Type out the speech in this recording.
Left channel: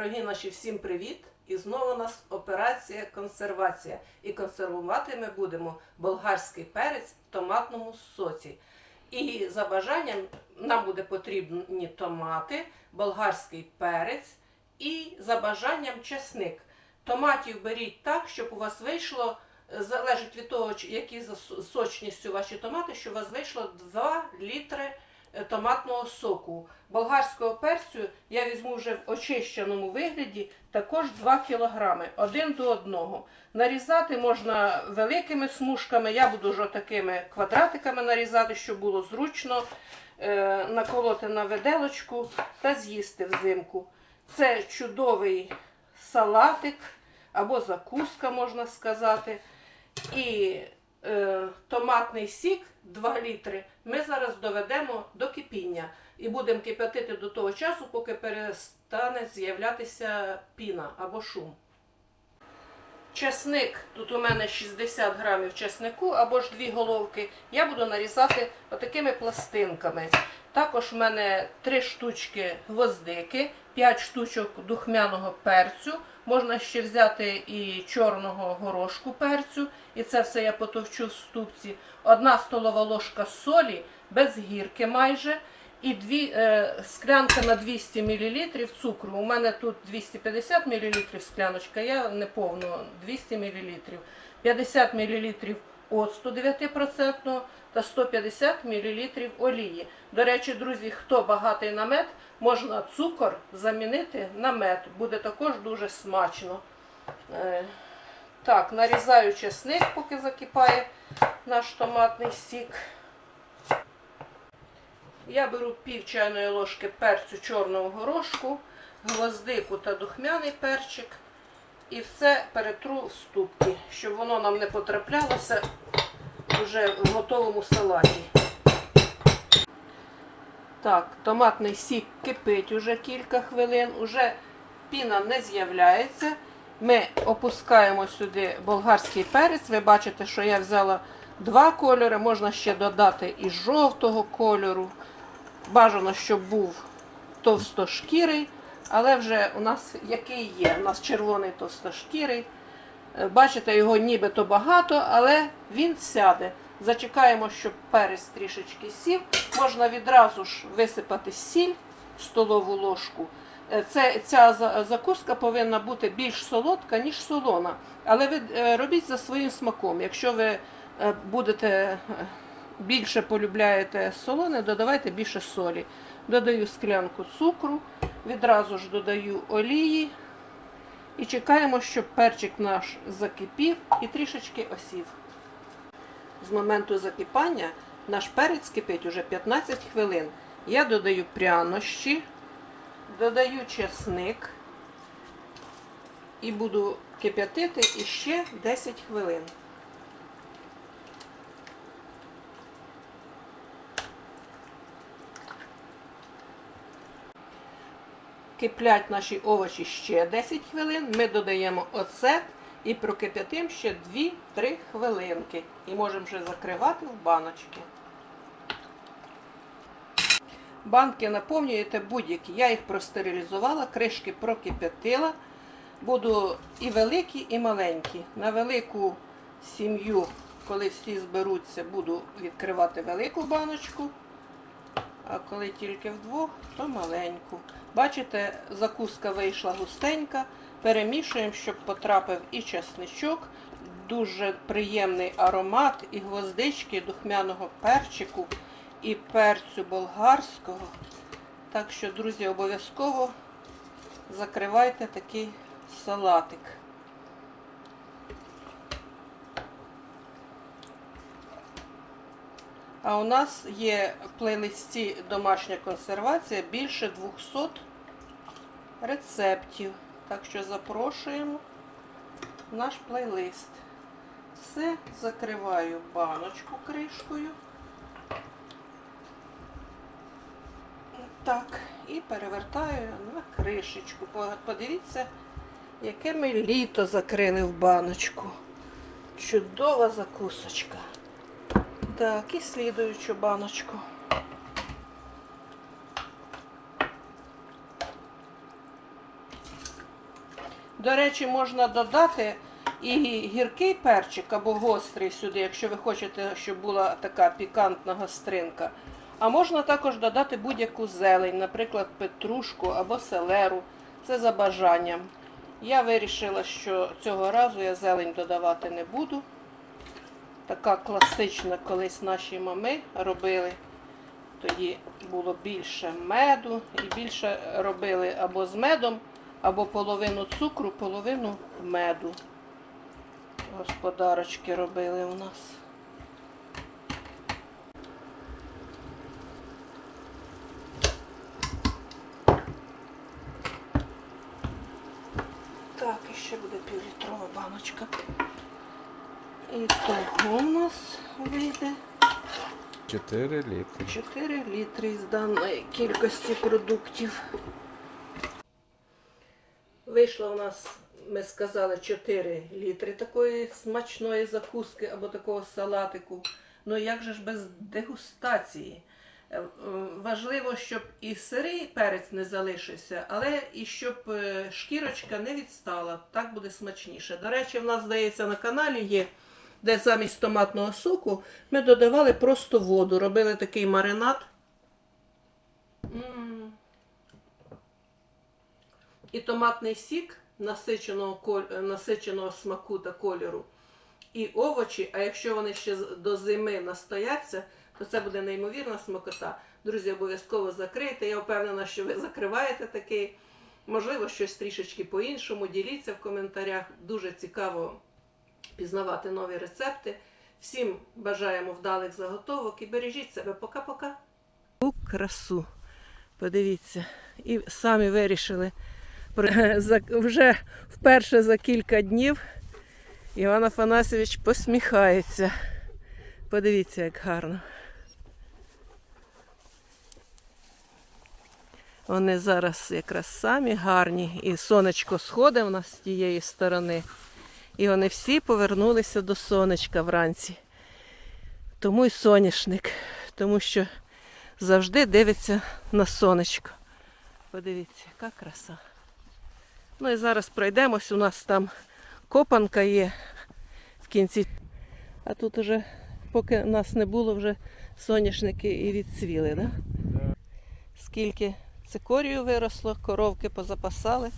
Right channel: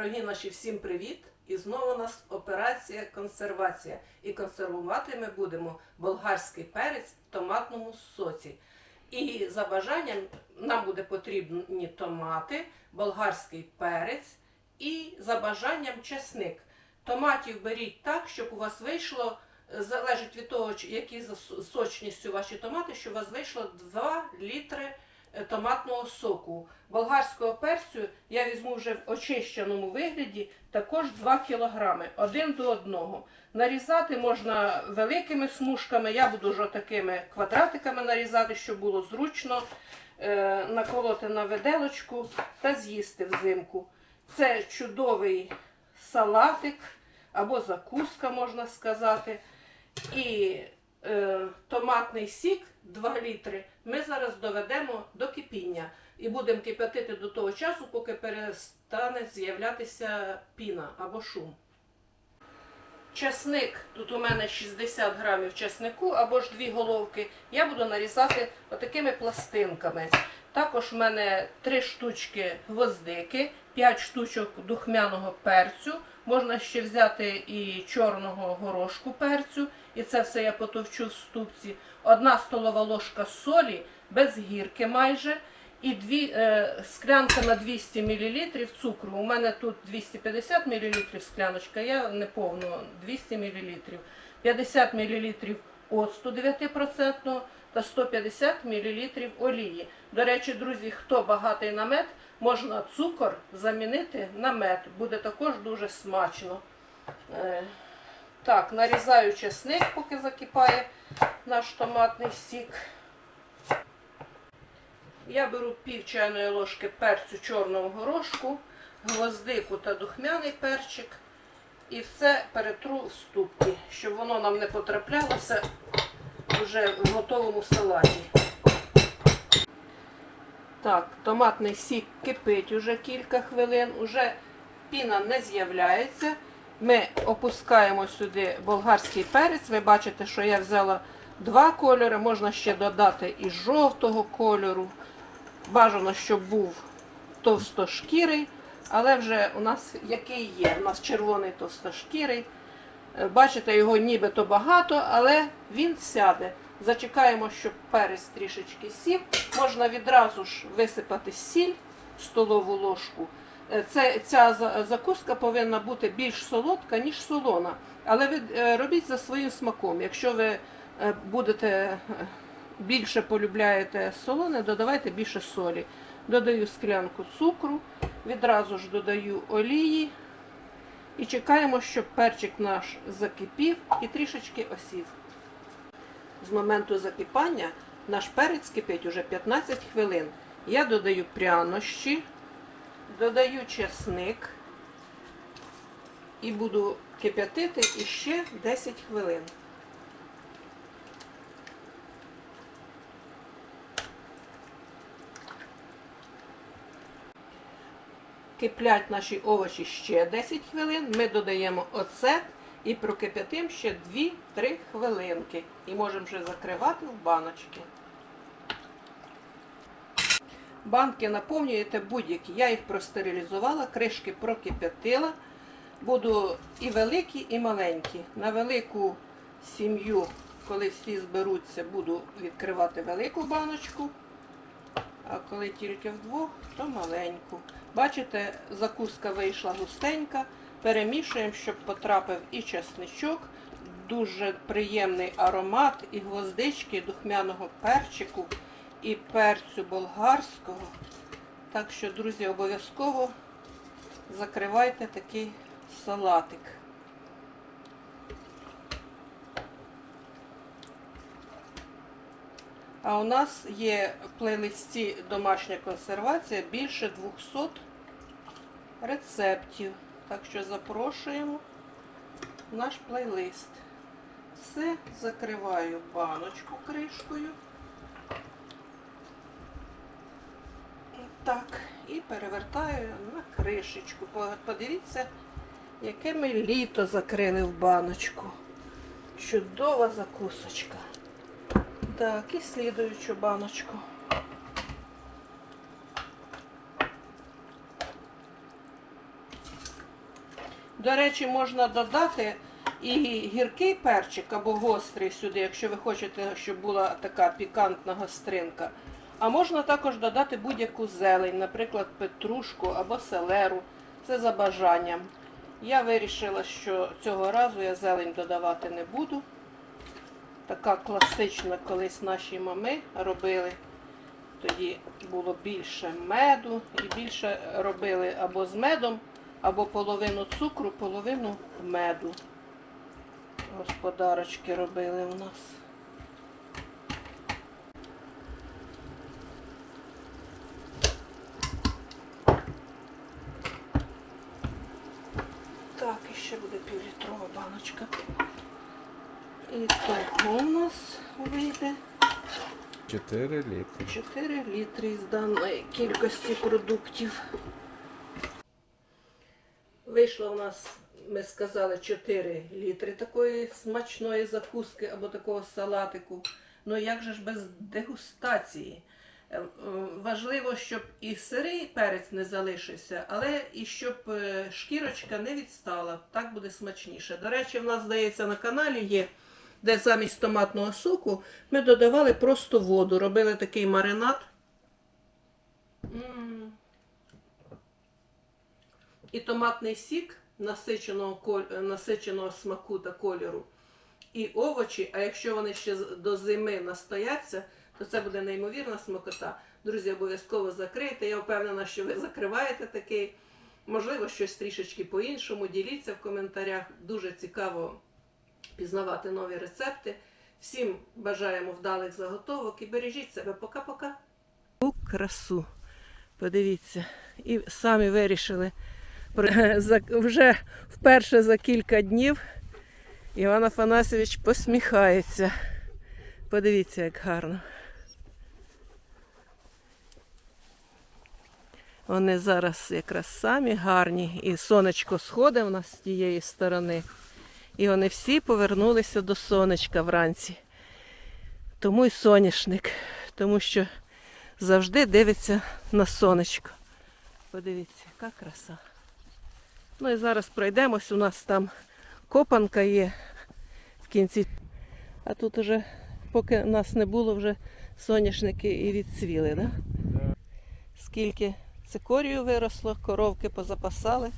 Дорогі наші, всім привіт! І знову у нас операція консервація. І консервувати ми будемо болгарський перець в томатному соці. І за бажанням нам буде потрібні томати, болгарський перець і за бажанням чесник. Томатів беріть так, щоб у вас вийшло, залежить від того, які за сочністю ваші томати, щоб у вас вийшло 2 літри томатного соку. Болгарського перцю я візьму вже в очищеному вигляді також 2 кілограми, один до одного. Нарізати можна великими смужками, я буду вже такими квадратиками нарізати, щоб було зручно е, наколоти на виделочку та з'їсти взимку. Це чудовий салатик або закуска, можна сказати. І е, томатний сік 2 літри ми зараз доведемо до кипіння і будемо кипятити до того часу, поки перестане з'являтися піна або шум. Чесник, тут у мене 60 грамів чеснику або ж дві головки. Я буду нарізати отакими пластинками. Також в мене 3 штучки гвоздики, 5 штучок духмяного перцю. Можна ще взяти і чорного горошку перцю. І це все я потовчу в ступці. Одна столова ложка солі, без гірки майже. І дві, е, склянка на 200 мл цукру. У мене тут 250 мл скляночка, я не повну 200 мл. 50 мл оцту 9% та 150 мл олії. До речі, друзі, хто багатий на мед, можна цукор замінити на мед. Буде також дуже смачно. Е, Так, нарізаю чесник, поки закипає наш томатний сік. Я беру пів чайної ложки перцю чорного горошку, гвоздику та духмяний перчик. І все перетру в ступки, щоб воно нам не потраплялося вже в готовому салаті. Так, томатний сік кипить уже кілька хвилин, уже піна не з'являється. Ми опускаємо сюди болгарський перець. Ви бачите, що я взяла два кольори, можна ще додати і жовтого кольору. Бажано, щоб був товстошкірий, але вже у нас який є. У нас червоний товстошкірий. Е, Бачите, його нібито багато, але він сяде. Зачекаємо, щоб перець трішечки сів. Можна відразу ж висипати сіль столову ложку. Е, Це, ця закуска повинна бути більш солодка, ніж солона. Але ви е, робіть за своїм смаком. Якщо ви будете більше полюбляєте солоне, додавайте більше солі. Додаю склянку цукру, відразу ж додаю олії. І чекаємо, щоб перчик наш закипів і трішечки осів. З моменту закипання наш перець кипить уже 15 хвилин. Я додаю прянощі, додаю чесник і буду кип'ятити іще 10 хвилин. Киплять наші овочі ще 10 хвилин. Ми додаємо оцет і прокип'ятимо ще 2-3 хвилинки. І можемо вже закривати в баночки. Банки наповнюєте будь-які. Я їх простерилізувала, кришки прокип'ятила. Буду і великі, і маленькі. На велику сім'ю, коли всі зберуться, буду відкривати велику баночку. А коли тільки вдвох, то маленьку. Бачите, закуска вийшла густенька. Перемішуємо, щоб потрапив і чесничок. Дуже приємний аромат і гвоздички, духмяного перчику, і перцю болгарського. Так що, друзі, обов'язково закривайте такий салатик. А у нас є в плейлисті домашня консервація більше 200 рецептів. Так що запрошуємо в наш плейлист. Все, закриваю баночку кришкою. Так, і перевертаю на кришечку. Подивіться, яке ми літо закрили в баночку. Чудова закусочка. Так, і слідуючу баночку. До речі, можна додати і гіркий перчик або гострий сюди, якщо ви хочете, щоб була така пікантна гостринка. А можна також додати будь-яку зелень, наприклад, петрушку або селеру. Це за бажанням. Я вирішила, що цього разу я зелень додавати не буду. Така класична колись наші мами робили. Тоді було більше меду і більше робили або з медом, або половину цукру, половину меду. Господарочки робили у нас. Так, і ще буде півлітрова баночка. І того у нас вийде 4 літри. 4 літри із даної кількості продуктів. Вийшло у нас, ми сказали, 4 літри такої смачної закуски або такого салатику. Ну як же ж без дегустації? Е, е, Важливо, щоб і сирий перець не залишився, але і щоб е, шкірочка не відстала. Так буде смачніше. До речі, в нас, здається, на каналі є, де замість томатного соку ми додавали просто воду, робили такий маринад. І томатний сік насиченого, насиченого смаку та кольору. І овочі, а якщо вони ще до зими настояться, то це буде неймовірна смакота. Друзі, обов'язково закрийте. Я впевнена, що ви закриваєте такий. Можливо, щось трішечки по-іншому. Діліться в коментарях. Дуже цікаво пізнавати нові рецепти. Всім бажаємо вдалих заготовок і бережіть себе. Пока-пока. У красу. Подивіться. І самі вирішили вже вперше за кілька днів. Іван Афанасьович посміхається. Подивіться, як гарно. Вони зараз якраз самі гарні, і сонечко сходить у нас з тієї сторони. І вони всі повернулися до сонечка вранці. Тому й соняшник, тому що завжди дивиться на сонечко. Подивіться, яка краса. Ну і зараз пройдемось. У нас там копанка є в кінці. А тут уже, поки нас не було, вже соняшники і відцвіли. Да? Скільки цикорію виросло, коровки позапасали.